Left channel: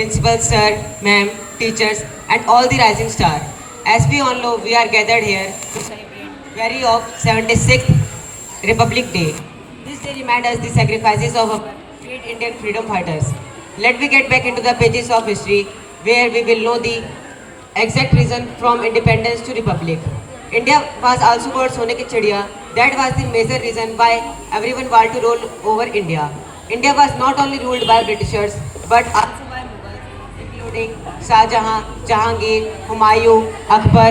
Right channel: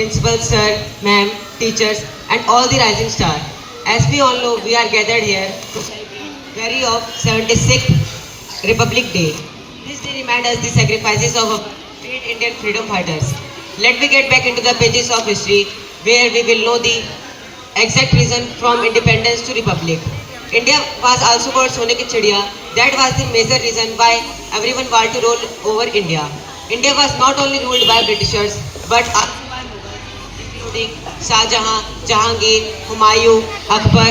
principal sir, ma'am, teachers, and all the rising star. As we all know, we are gathered here to celebrate very of 76th Republic Day. This day reminds us the sacrifices of our great Indian freedom fighters. Let me get back into the pages of history where we will know the exact reason from independence to republic. India was also called Sone ki Chidiya. That was the major reason why everyone wanted to rule over India. India was not only ruled by Britishers but also by Mughals, including Shah Jahan, Jahangir, Humayun, Akbar,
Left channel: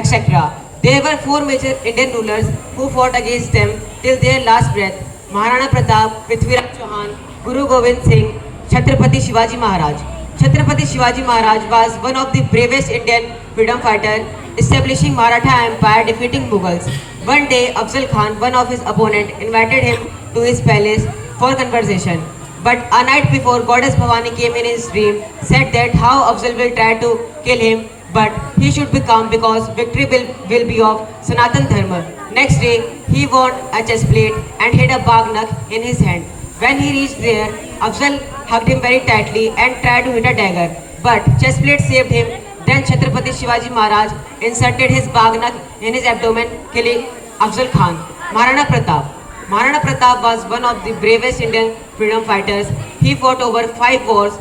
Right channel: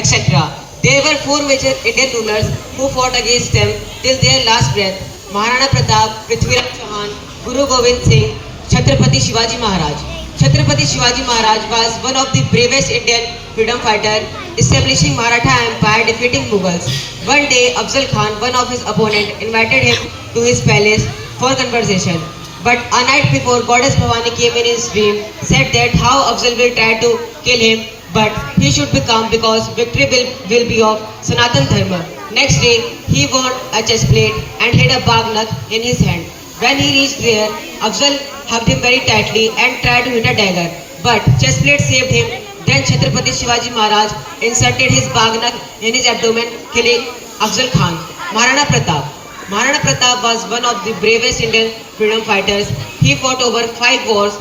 etc. There were four major Indian rulers who fought against them till their last breath: Maharana Pratap, Prithviraj Chauhan, Guru Gobind Singh, Chhatrapati Shivaji Maharaj. Chhatrapati Shivaji Maharaj was one of the bravest Indian freedom fighters, establishing Maratha Empire, defeating Mughals. One day, Afzal Khan, one of his opponents, invited him to his palace for conversation. But a night before, Goddess Bhavani came in his dream, said that how Afzal will try to kill him, but he should be calm because victory will be of Sanatan Dharma. Next day, he won a chest plate and had a bagnak in his hand. When he reached there, Afzal hugged him very tightly and tried to hit a dagger. But chest plate saved him. Then Chhatrapati Shivaji Maharaj inserted his bagnak in his abdomen, killing Afzal Khan. Maharana Pratap. Maharana Pratap was one of the bravest Indian freedom fighters. He fought over 5 wars,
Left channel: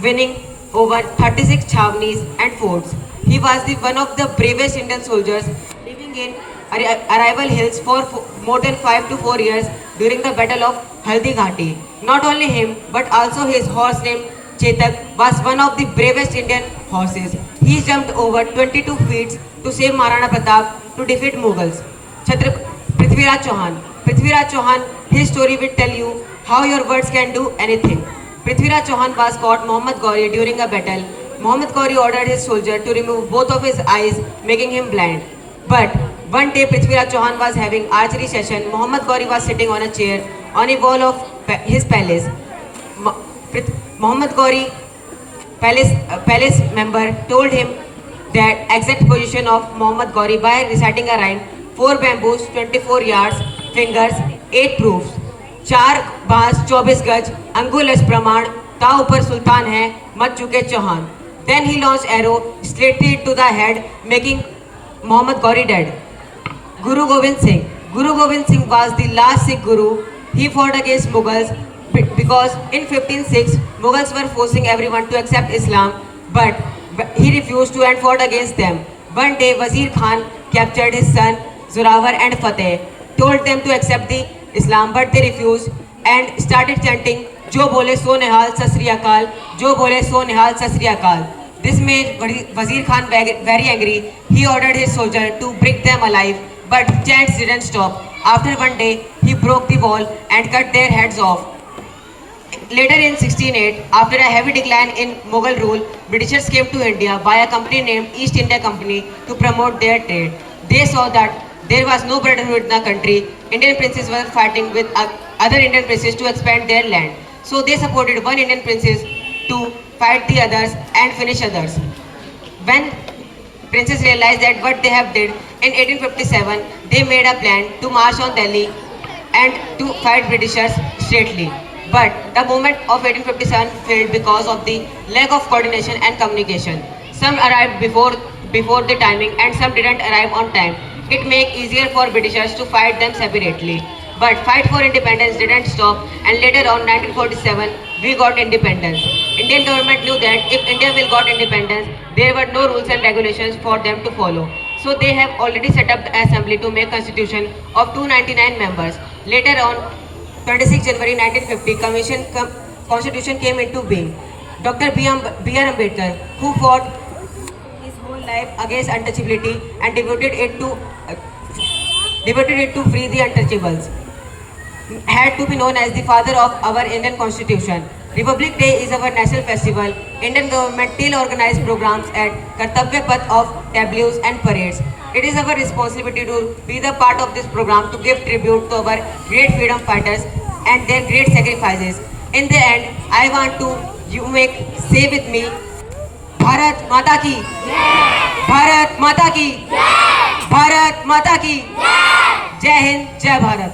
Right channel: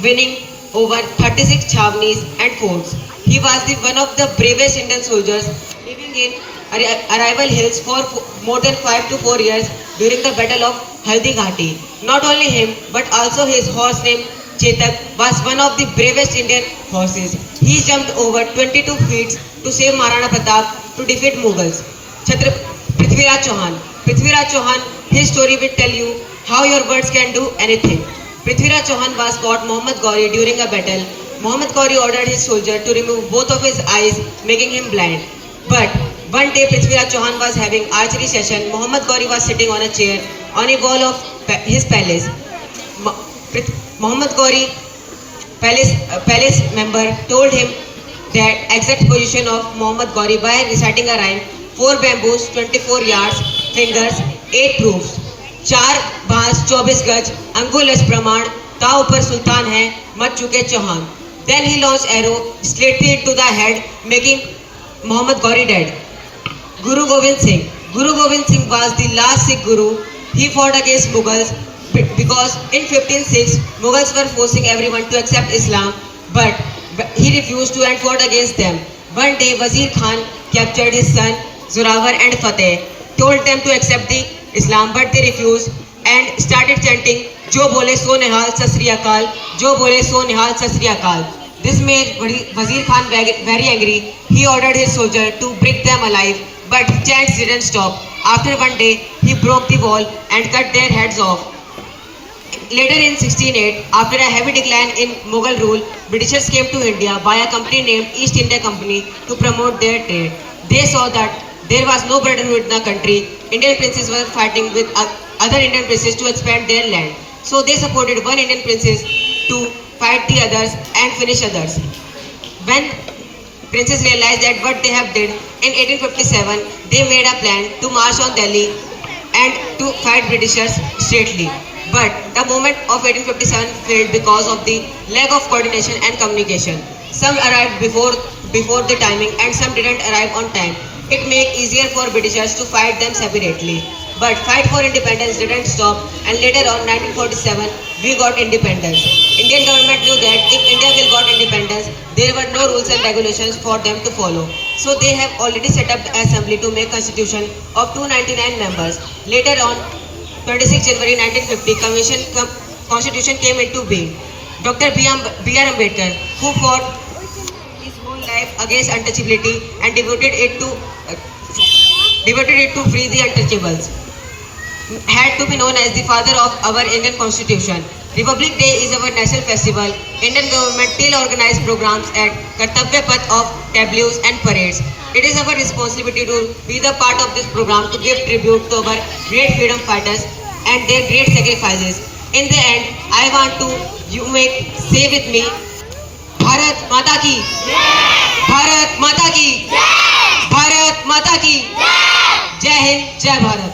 winning over 36 chhavnis and forts. He was one of the bravest Indian soldiers, living in Arrival Hills for more than 5 to 4 years during the Battle of Haldi Ghati. Not only him, but also his horse named Chetak was one of the bravest Indian horses. He jumped over 22 feet to save Maharana Pratap to defeat Mughals. Prithviraj Chauhan. Prithviraj Chauhan, his story will tell you how your words can do anything. Prithviraj Chauhan was fought Muhammad Ghori during a battle. Muhammad Ghori ordered his soldier to remove both of his eyes, making him blind. But one day Prithviraj Chauhan was having archery session. Muhammad Ghori was sitting on a chair on a wall of his palace. Muhammad Ghori, palace member, told him that exact position of Muhammad Ghori by reciting a rhyme: 4 bamboos, 24 yards, fingers, 8 proofs, 4 बांस 24 गज, अंगुल प्रमाण, ता ऊपर सुल्तान है, मत चुके Chauhan. Then he launched arrow straightly into the head, making Muhammad Ghori dead. Guru Gobind Singh. Guru Gobind Singh was the last Sikh Guru. He fought against Mughals because in 1506 Mughals were forcing everyone to accept Islam, but he refused to and fought against them. One day Wazir Khan captured his son Zorawar and Fateh, told them to accept the Islam, but they refused and started chanting "Jo bole so nihal sat sri akal, Jo bole so nihal sat sri akal." This made Wazir Khan very angry. He ordered his soldier to break them alive, but the chants didn't stop. After one day, he broke the wall and cut their heads off. Later in 1608, after a heavy decline in Mughal rule, Britishers came to India by a company named East India Company to promote their trade. They saw that there was no brotherhood in the country. Indian princes were fighting with other Indian princes to expand their land. So they supported one Indian princess to fight the others and finish others. When princes realized that what they have did, in 1857, they made a plan to march on Delhi and to fight Britishers straightly. But the movement of 1857 failed because of the lack of coordination and communication. Some arrived before the timing and some didn't arrive on time. It made easier for Britishers to fight them separately. But fight for independence didn't stop, and later on 1947 we got independence. Indian government knew that if India will got independence, there were no rules and regulations for them to follow. So they have already set up the assembly to make constitution of 299 members. Later on 26 January 1950, constitution came into being. Dr. B.R. Ambedkar, who fought his whole life against untouchability and devoted it to free the untouchables, had to be known as the father of our Indian Constitution. Republic Day is our national festival. Indian government still organize programs at Kartavya Path of tableaus and parades. It is our responsibility to be the part of this program to give tribute to our great freedom fighters and their great sacrifices. In the end, I want to say with me, Bharat Mata Ki, Bharat Mata Ki, Bharat Mata Ki, Jai Hind, Jai Bharat.